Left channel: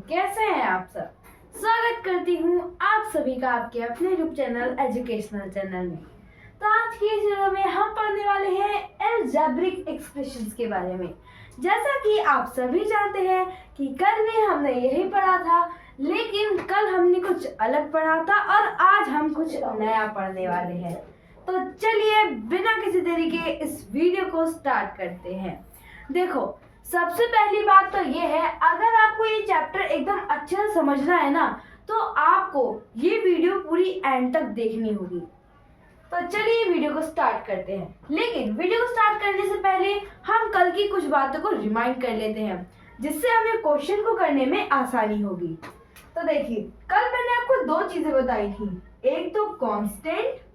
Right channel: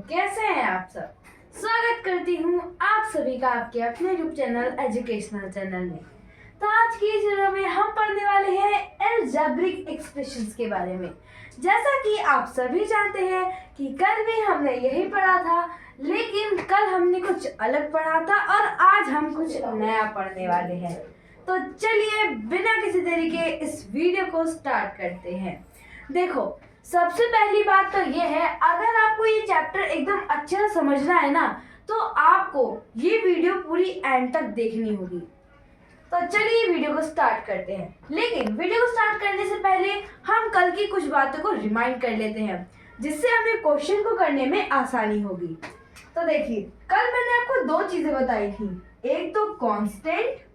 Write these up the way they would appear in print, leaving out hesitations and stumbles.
कैसे हैं आप सब। स्वागत करती हूँ आप सभी का आपके अपने यूट्यूब चैनल एजुकेशनल चैनल में। तो आज की इस वीडियो में हम पढ़ने वाले हैं अलजेब्रिक एक्सप्रेशंस के बारे में। जैसा कि आप सभी जानते हैं कि कल भी हमने यही पढ़ा था, लेकिन कल हमने कुछ अलग पढ़ा था और आज हम कुछ नया पढ़ने वाले हैं। तो चलिए बिना किसी देरी के इस वीडियो को स्टार्ट करते हैं। देखो, सबसे पहली बात तो ये है, अगर आपको ये चैप्टर एकदम अच्छे से समझना है ना, तो आपको ये वीडियो पूरी एंड तक देखनी होगी। तो चलिए वीडियो को स्टार्ट करते हैं। लेकिन वीडियो को स्टार्ट करने से पहले हम कल की कुछ बातों को रिमाइंड कर लेते हैं, जिससे हमें क्वेश्चन को करने में आसानी होगी। तो देखिए, कल मैंने आपको दो चीजें बताई थी, एक तो कांस्टेंट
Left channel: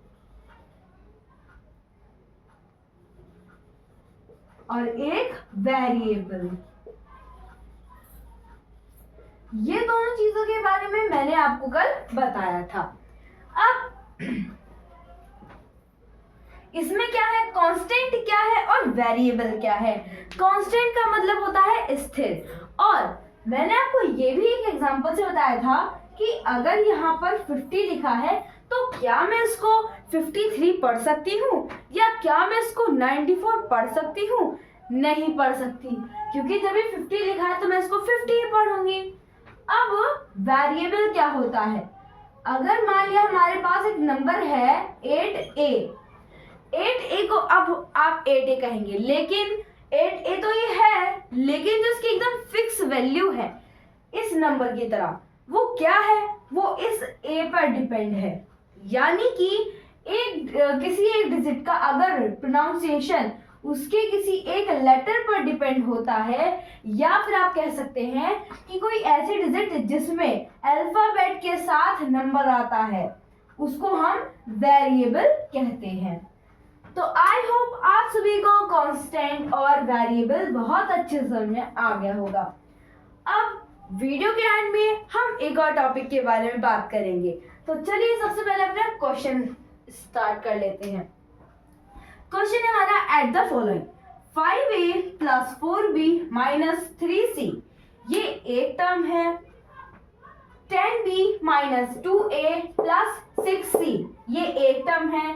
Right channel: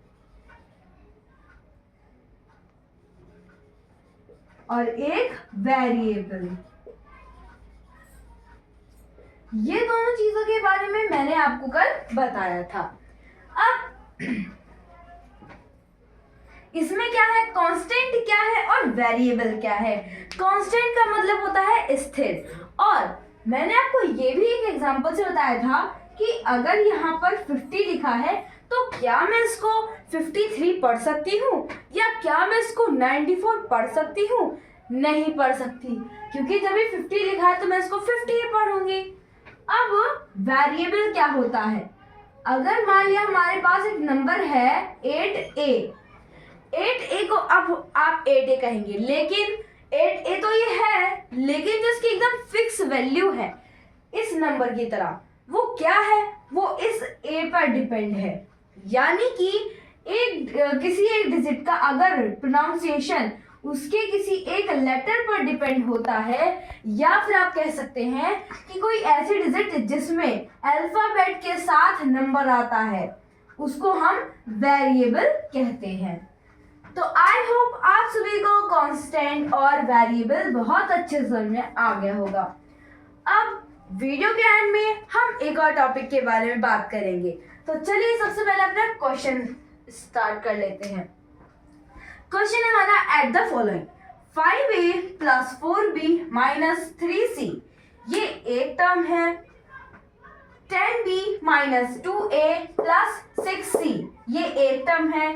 और एक वेरिएबल। ये दोनों चीजों के बारे में मैंने आपको कल बताया था। अब इसमें क्या है, कांस्टेंट क्या है और वेरिएबल क्या है। कांस्टेंट का मतलब होता है स्थिर, और मैंने आपको ये भी एक एग्जांपल से बताया था कि अगर यहाँ पर 50 लिखा है तो क्या मैं इसको 53 पढ़ सकती हूँ या क्या मैं इसको 94 पढ़ सकती हूँ? नहीं पढ़ सकती, क्योंकि जब ये 50 लिखा है तो मैं इसको 50 ही पढ़ूंगी। अब वेरिएबल क्या होता है, अगर मान लिया हमारे पास एक नंबर है 8a को अब आप 8a कहेंगे, लेकिन 8a तो ये है, लेकिन जो इसकी एकदम फिक्स वैल्यू है इस नंबर की तरह, वो क्या है, वो इस a पर डिपेंड है। यानी कि किसी एक डिजिट का अगर प्रोनाउंसिएशन उसके किसी एक लेटर पर डिपेंड होता है, या फिर आप कह सकते हैं कि कोई ऐसी डिजिट जिसमें अल्फाबेट के साथ नंबर आता है, उसको हम वेरिएबल कहते हैं। तो आई होप आप सभी को कांस्टेंट और वेरिएबल बहुत अच्छे से समझ में आ गया होगा। अब वीडियो के एंड में हम एक और टॉपिक के बारे में बात करेंगे। तो चलिए सबसे पहले अपना क्वेश्चन स्टार्ट कर लेते हैं। क्वेश्चन है हमारा, at the following 5a plus 4b minus 3c, ये एक टर्म है। 10b minus 2a plus 6c, ये एक टर्म है।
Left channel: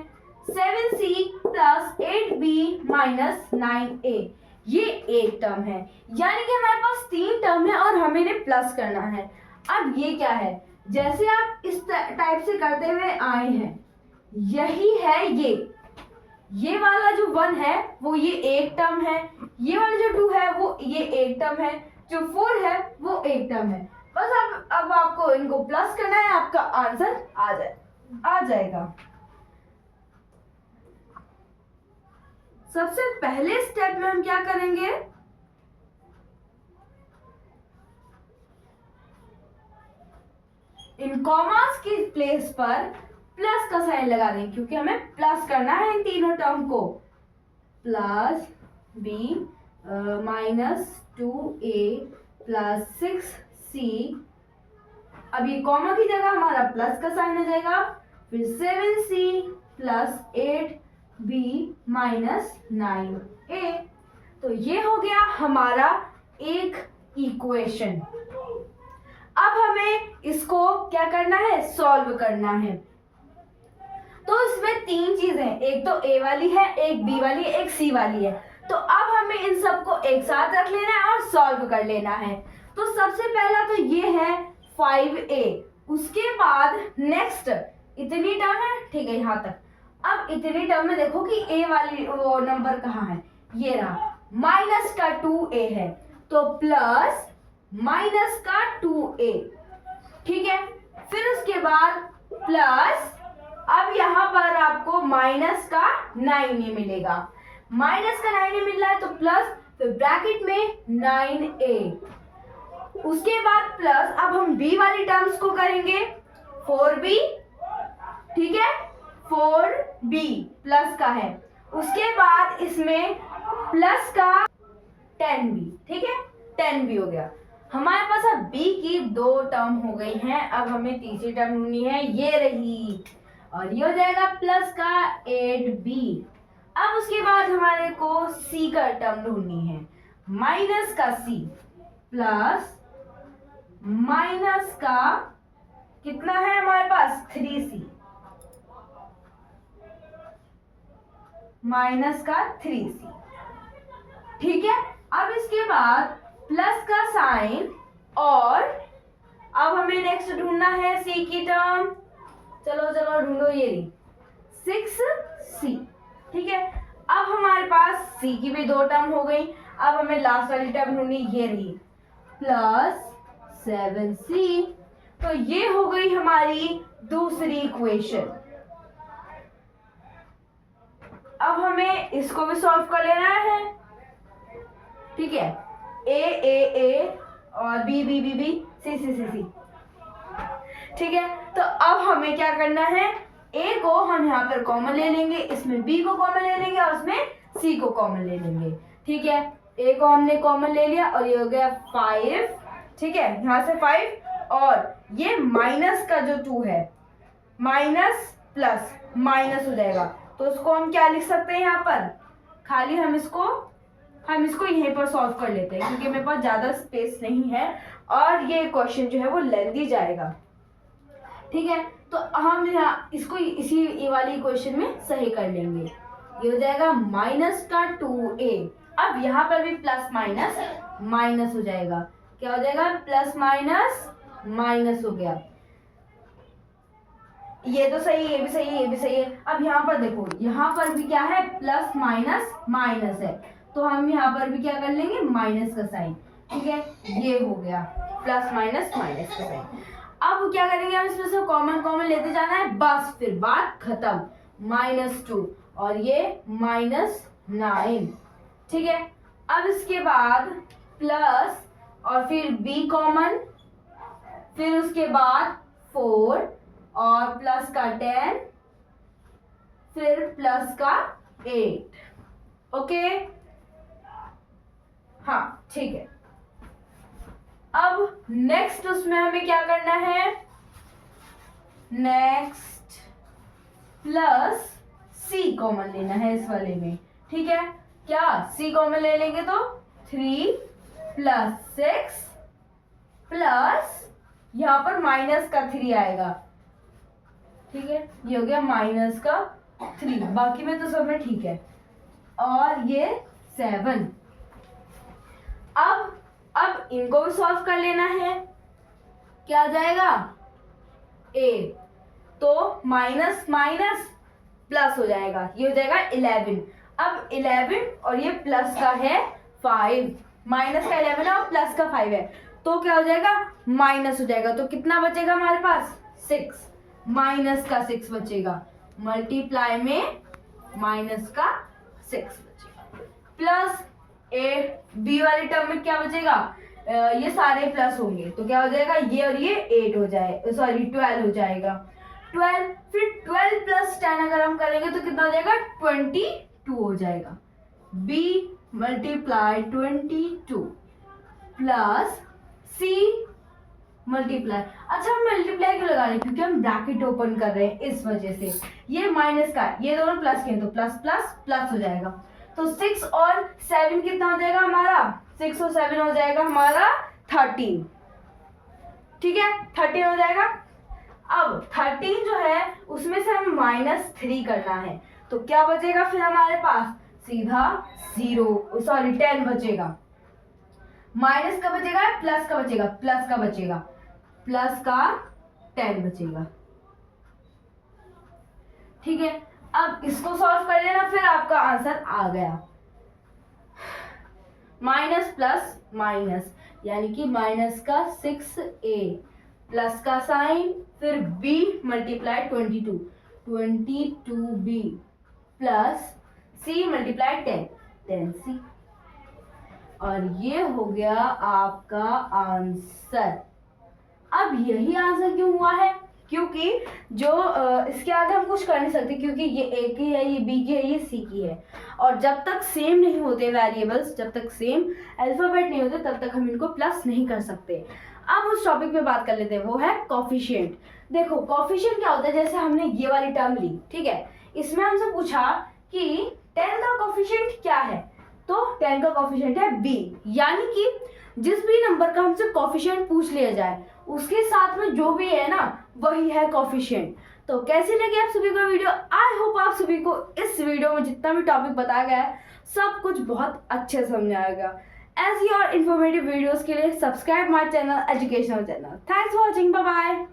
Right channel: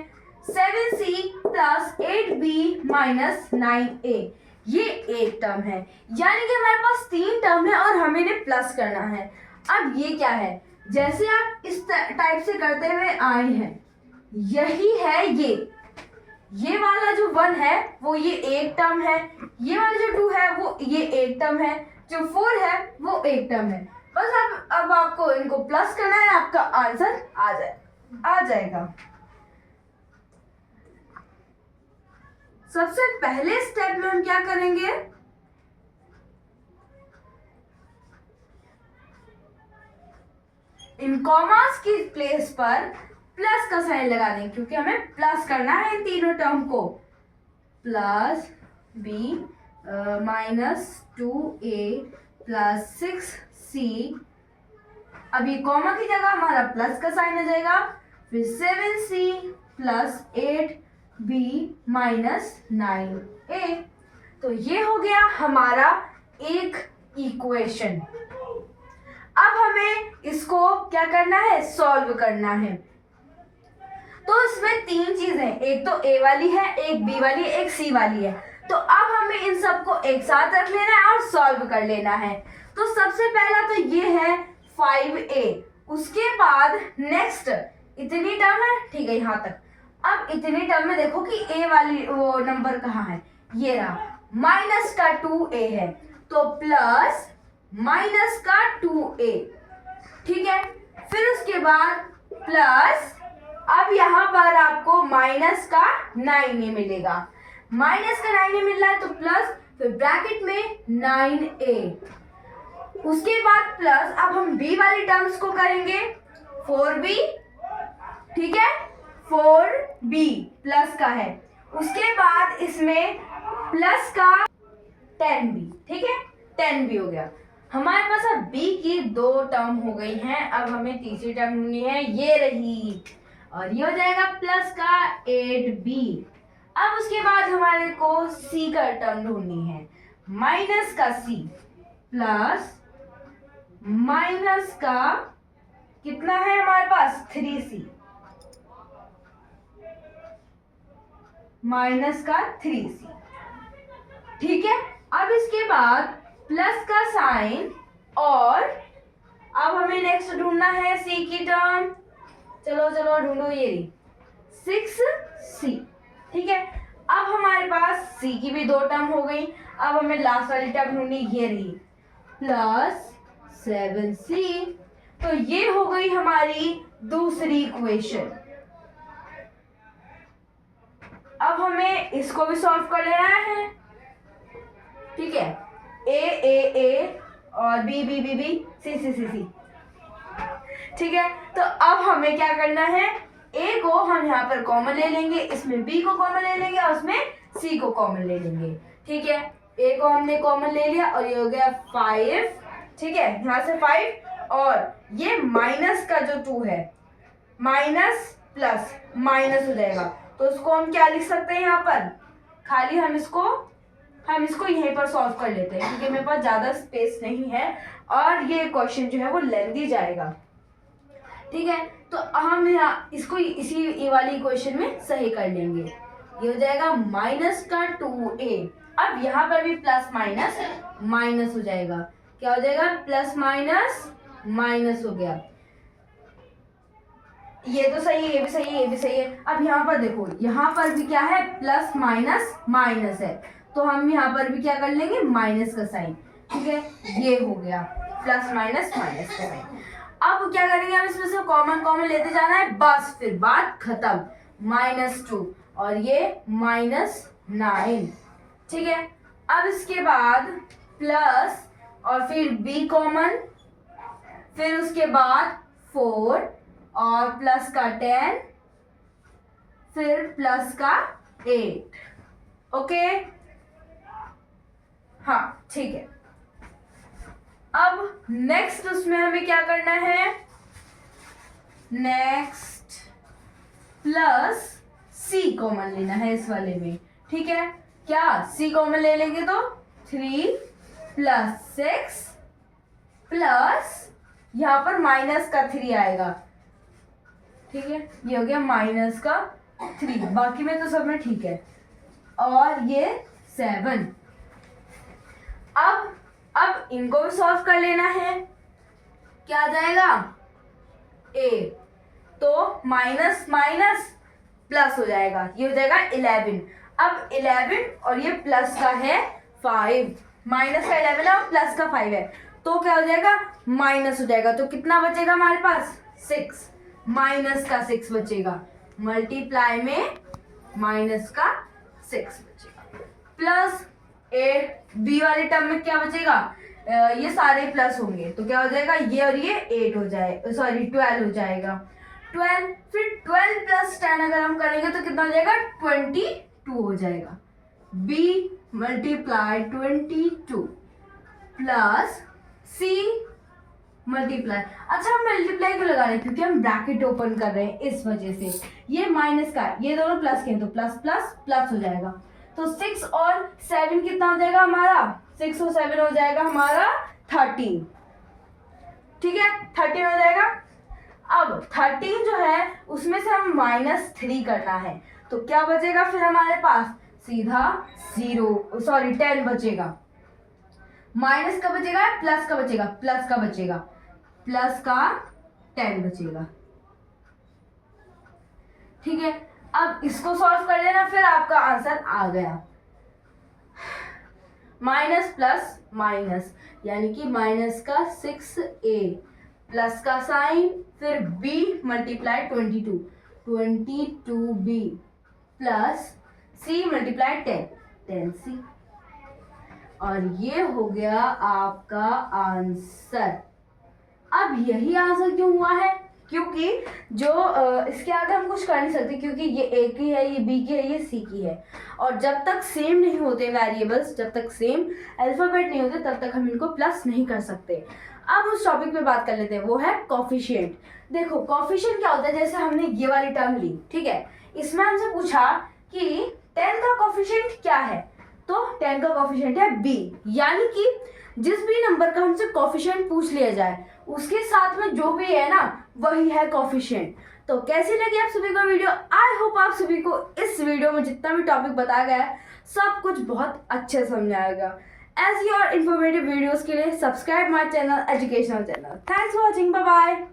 7c plus 8b minus 9a, ये एक टर्म है। यानी कि हमारे पास तीन टर्म है और हमें इन्हें प्लस करना है। अब ये क्या है, जैसे आप इस टाइप से करते हुए आए हैं, यही है ये वाला जो 1 है वो ये एक टर्म है, ये वाला जो 2 है वो ये एक टर्म है, जो 4 है वो एक टर्म है। बस अब आपको इनको प्लस करना है, आपका आंसर आ जाएगा। सबसे पहले स्टेप में हम क्या करेंगे, इन कॉमास की प्लेस पर प्लस का साइन लगा देंगे, क्योंकि हमें प्लस करना है इन तीनों टर्म को। Plus b minus 2a plus 6c, अब ये कॉमा की जगह हमारा प्लस का साइन आ जाएगा। फिर 7c plus 8b minus 9a। तो ये हो गया हमारा एक इक्वेशन। अब हमें इसको क्या करना है, सॉल्व करना है। तो इसमें तीन चीजें, एक तो a वाली है, एक b वाली है, एक c वाली है। तो अब हमें इन सबको एक साथ रख लेना है और सॉल्व कर लेना है। तो सबसे पहला तो ये है 5a, उसके बाद नेक्स्ट इतनी टर्म है, ठीक है यहाँ तक। अब इतनी टर्म में देखो कि a वाली वो नंबर कहाँ है, ये रहा, माइनस का 2a है, तो प्लस माइनस का 2a, ठीक है। फिर उसके बाद प्लस, अब यहाँ पर आपको माइनस का 9a मिलेगा, माइनस का 9a मिल रहा है तो प्लस, फिर ब्रैकेट में 9a, उसके बाद प्लस। अब हम b वाली टर्म्स को करेंगे, 4b, ठीक है, 4b प्लस का है, उसके बाद इसमें प्लस का 10b, ठीक है, 10b हो गया। हमारे पास अब b की दो टर्म हो गई हैं, अब हमें तीसरी टर्म ढूंढनी है, ये रही, और ये हो जाएगा प्लस का 8b। अब उसके बाद हमारे को c का टर्म ढूंढनी है, माइनस का c प्लस माइनस का कितना है हमारे पास 3c, माइनस का 3c। ठीक है, अब इसके बाद प्लस का साइन, और अब हमें नेक्स्ट ढूंढना है c की टर्म। चलो चलो ढूंढो, ये रही 6c। ठीक है, अब हमारे पास c की भी 2 टर्म हो गई। अब हमें लास्ट वाली टर्म ढूंढनी, ये रही प्लस 7c। तो ये हो गई हमारी दूसरी इक्वेशन। अब हमें इसको भी सॉल्व कर लेना है। ठीक है, ए और बी सी। ठीक है, तो अब हमें क्या करना है, ए को हम यहाँ पर कॉमन ले लेंगे, इसमें बी को कॉमन ले लेंगे और उसमें सी को कॉमन ले लेंगे। ठीक है, ए को हमने कॉमन ले लिया और ये हो गया 5। ठीक है, यहाँ से 5, और ये माइनस का जो 2 है, माइनस प्लस माइनस हो जाएगा, तो उसको हम क्या लिख सकते हैं यहाँ पर, खाली हम इसको यहीं पर सॉल्व कर लेते हैं, क्योंकि मेरे पास ज़्यादा स्पेस नहीं है और ये क्वेश्चन जो है वो लेंथी जाएगा। ठीक है, तो हम यहाँ इसको इसी ये वाली इक्वेशन में सही कर लेंगे। ये हो जाएगा माइनस का 2a। अब यहाँ पर भी प्लस माइनस माइनस हो जाएगा, क्या हो जाएगा, प्लस माइनस माइनस हो गया। ये तो सही है, ये भी सही है, ये भी सही है। अब यहाँ पर देखो, यहाँ पर भी क्या है, प्लस माइनस माइनस है, तो हम यहाँ पर भी क्या कर लेंगे, माइनस का साइन। ठीक है, ये हो गया प्लस माइनस माइनस का साइन। अब क्या करेंगे, हम इसमें से कॉमन लेते जाना है, बस फिर बात खत्म। -2 और ये -9। ठीक है, अब इसके बाद प्लस और फिर b कॉमन, फिर उसके बाद 4 और प्लस का 10, फिर प्लस का 8। ओके, हाँ ठीक है। अब नेक्स्ट उसमें हमें क्या करना है, नेक्स्ट प्लस c कॉमन लेना है इस वाले में। ठीक है, क्या c कॉमन ले लेंगे तो 3 + 6 प्लस यहाँ पर माइनस का 3 आएगा। ठीक है, ये हो गया माइनस का 3, बाकी में तो सब में ठीक है, और ये 7। अब इनको भी सॉल्व कर लेना है, क्या आ जाएगा, a, तो माइनस माइनस प्लस हो जाएगा, ये हो जाएगा 11। अब 11 और ये प्लस का है 5, माइनस का 11 है और प्लस का 5 है, तो क्या हो जाएगा, माइनस हो जाएगा। तो कितना बचेगा हमारे पास, 6, माइनस का 6 बचेगा, मल्टीप्लाई में माइनस का 6 बचेगा, प्लस बी वाले टर्म में क्या बचेगा, ये सारे प्लस होंगे, तो क्या हो जाएगा, ये और ये 8 हो जाए, सॉरी 12 हो जाएगा, 12। फिर 12 + 10 अगर हम करेंगे तो कितना हो जाएगा, 22 हो जाएगा। b × 22 प्लस c मल्टीप्लाई, अच्छा हम मल्टीप्लाई क्यों लगा रहे हैं, क्योंकि हम ब्रैकेट ओपन कर रहे हैं, इस वजह से। ये माइनस का, ये दोनों प्लस के हैं, तो प्लस प्लस प्लस हो जाएगा, तो 6 और 7 कितना हो जाएगा हमारा, 6 और 7 हो जाएगा हमारा 13। ठीक है, 13 हो जाएगा। अब 13 जो है उसमें से हम -3 करना है, तो क्या बचेगा फिर हमारे पास, सीधा 10 बचेगा। माइनस का बचेगा, प्लस का बचेगा, प्लस का बचेगा, प्लस का 10 बचेगा। ठीक है, अब इसको सॉल्व कर लेना, फिर आपका आंसर आ गया। माइनस प्लस माइनस यानी कि माइनस का 6a, प्लस का साइन, फिर b × 22b plus c × 10c, और ये हो गया आपका आंसर। अब यही आंसर क्यों हुआ है, क्योंकि जो इसके आगे हम कुछ कर नहीं सकते, क्योंकि ये a की है, ये b की है, ये c की है, और जब तक सेम नहीं होते वेरिएबल्स, जब तक सेम अल्फाबेट नहीं होते, तब तक हम इनको प्लस नहीं कर सकते। अब उस टॉपिक पे बात कर लेते हैं, वो है कोफिशिएंट। देखो कोफिशिएंट क्या होता है, जैसे हमने ये वाली टर्म ली, ठीक है, इसमें हमसे पूछा कि 10 का कोफिशिएंट क्या है, तो 10 का कोफिशिएंट है b, यानी कि जिस भी नंबर का हमसे कोफिशिएंट पूछ लिया जाए उसके साथ में जो भी है ना वही है कोफिशिएंट। तो कैसी लगी आप सभी को वीडियो? आई होप आप सभी को इस वीडियो में जितना भी टॉपिक बताया गया है सब कुछ बहुत अच्छे समझ में आएगा। एज योर इन्फॉर्मेटिव वीडियोस के लिए subscribe my channel educational channel. Thanks for watching, bye bye.